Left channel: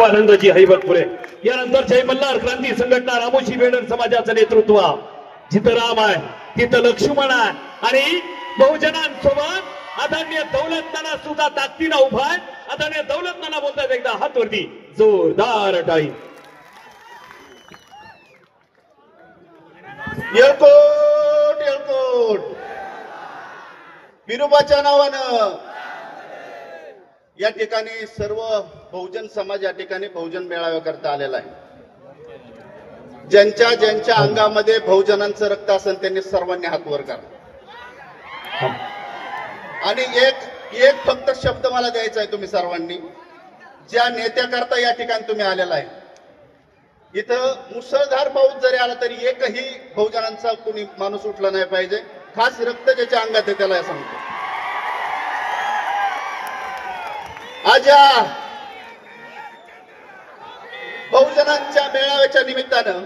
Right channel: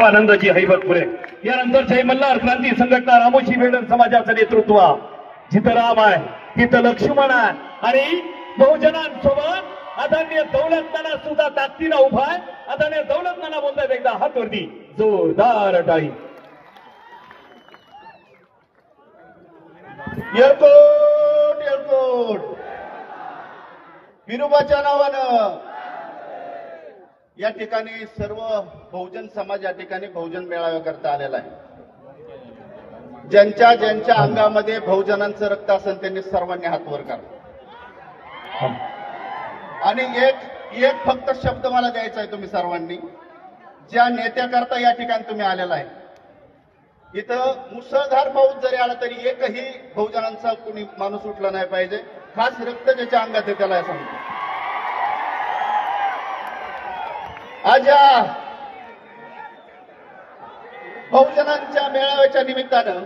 शिवानंदजी हैबतपुरे। यानंतर जय मल्हार क्रांती संघटना रामोशी बेडर समाजाचं नेतृत्व। जिथं राम आहे तिथं लक्ष्मण आहे आणि बहुजनांसोबत आदरणीय दौलत नाना सुद्धा ताकदीनं उभा आहे। आदरणीय दौलत नाना बोलतात एकदा हात वरती जोरदार टाळी। एअरपोर्ट एअरपोर्ट विनोबाच्या नावानं या ठिकाणी सर्व बहुजन समाज या ठिकाणी बहुजन मेळाव्याकरता आलेला आहे। ज्यांच्या ज्यांच्या अंगामध्ये बहुजनांचं रक्त असेल त्यांनी सर्वांनी हात वर करा आणि एक फक्त शब्द मला द्यायचा आहे तुम्ही सर्वांनी, ज्या नेत्याकरता या ठिकाणी तुम्ही आलेला आहे। इथं मुसळधार पाऊस जरी आला तरी एकही बहुजनांचा कोणी माणूस उठला नाही पाहिजे। खास रक्त ज्याच्या अंगात आहे त्याला सांगतो। आज या बहुजनांच्या मेळाव्याच्या निमित्तानं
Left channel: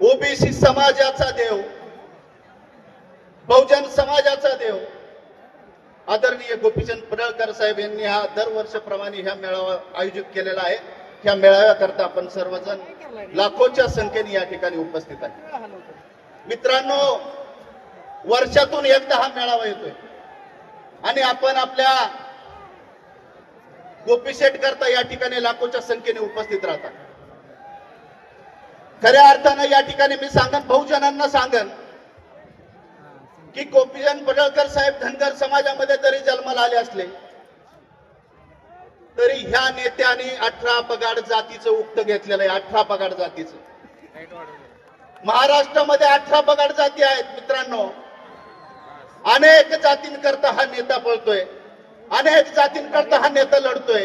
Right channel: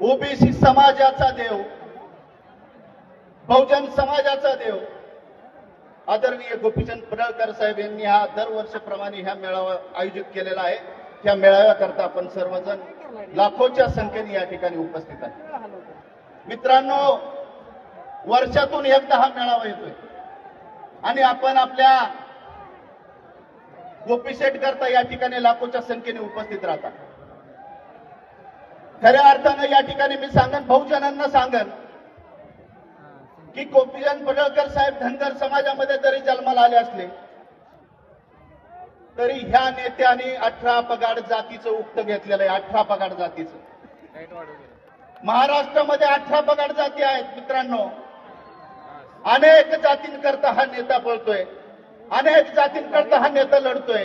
ओबीसी समाजाचा देव, बहुजन समाजाचा देव आदरणीय गोपीचंद पडळकर साहेब यांनी हा दरवर्षीप्रमाणे ह्या मेळावा आयोजित केलेला आहे। ह्या मेळाव्याकरता आपण सर्वजण लाखोच्या संख्येने या ठिकाणी उपस्थित आहे। मित्रांनो, वर्षातून एकदा हा मेळावा येतोय आणि आपण आपल्या गोपीशेठ करता या ठिकाणी लाखोच्या संख्येने उपस्थित राहतात। खऱ्या अर्थानं या ठिकाणी मी सांगन, बहुजनांना सांगन की गोपीचंद पडळकर साहेब धनगर समाजामध्ये जरी जन्माला आले असले तरी ह्या नेत्याने 18 पगाड जातीचं उक्त घेतलेलं आहे। 18 पगाड जातीचं महाराष्ट्रामध्ये 18 पगाड जाती आहेत। मित्रांनो, अनेक जातींकरता हा नेता पळतोय, अनेक जातींकरता हा नेता लढतोय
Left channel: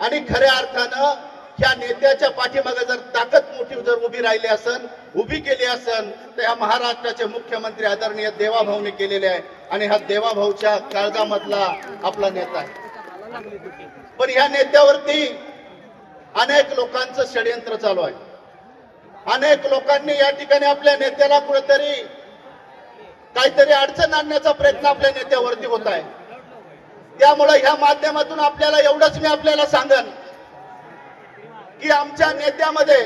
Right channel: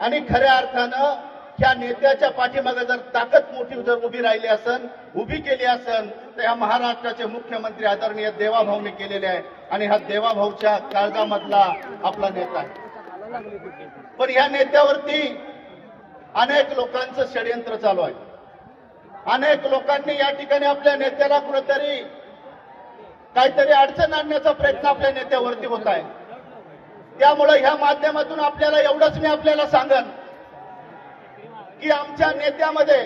आणि खऱ्या अर्थानं ह्या नेत्याच्या पाठीमागे जर ताकद मोठी जर उभी राहिली असेल, उभी केली असेल तर ह्या महाराष्ट्राचे मुख्यमंत्री आदरणीय देवाभाऊने केलेले आहे आणि हा देवाभाऊच्या काळजामधला आपला नेता आहे। पण ह्या नेत्यावरती अनेक लोकांचं षडयंत्र चालू आहे। अनेक लोकांनी या ठिकाणी आपल्या नेत्याला कुठेतरी काहीतरी अडचण आणण्याचा प्रयत्न आपल्या नेत्यावरती होत आहे। त्यामुळे ह्या माध्यमातून आपल्याला एवढंच मी आपल्याला सांगन की आमच्या नेत्यामध्ये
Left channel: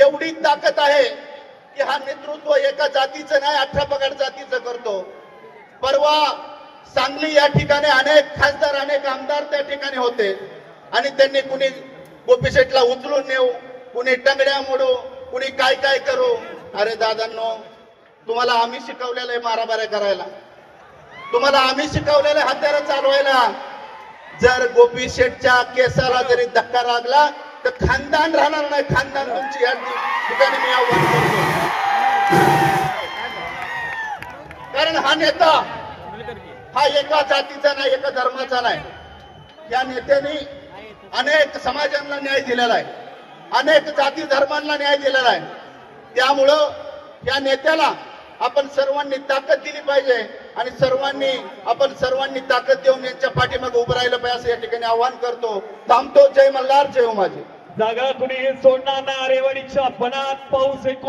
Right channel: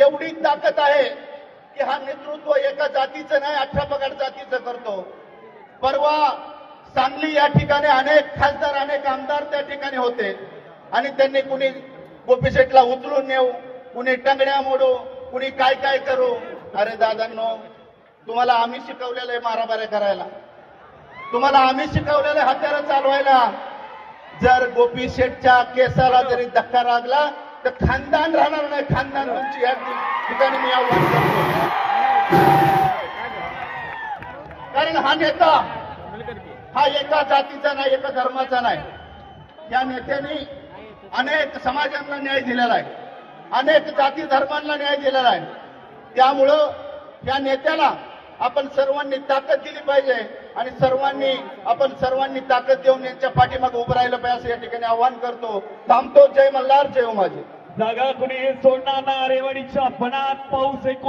एवढी ताकद आहे की हा नेतृत्व एका जातीचं नाही 18 पगाड जातीचं करतो। परवा सांगली या ठिकाणी अनेक खासदार अनेक आमदार त्या ठिकाणी होते आणि त्यांनी कुणी गोपीशेठला उचलून नेऊ, कुणी टंगड्या मोडू, कुणी काय काय करू। अरे दादांनो, तुम्हाला आम्ही शिकवलेलं आहे मारामाऱ्या करायला, तुम्हाला आम्ही शिकवलेलं हत्यारं चालवायला। जर गोपीशेठच्या केसाला जरी धक्का लागला तर खानदान राहणार नाही, खानदान तुमची या ठिकाणी मी आव्हान करतो। कारण हा नेता हा एका जातीचा नाही, एका धर्माचा नाही। या नेत्याने अनेक समाजांना न्याय दिलेला आहे, अनेक जाती धर्मांना न्याय दिलेला आहे। त्यामुळं या नेत्याला आपण सर्वांनी ताकद दिली पाहिजे आणि आपण सर्वांनी ताकद देऊन यांच्या पाठीमागे उभं राहिलं पाहिजे असं या ठिकाणी आवाहन करतो। थांबतो। जय मल्हार, जय उमाजी। जागा कुणी सोडणार ना। रेवाडीच्या बनात पाऊस एक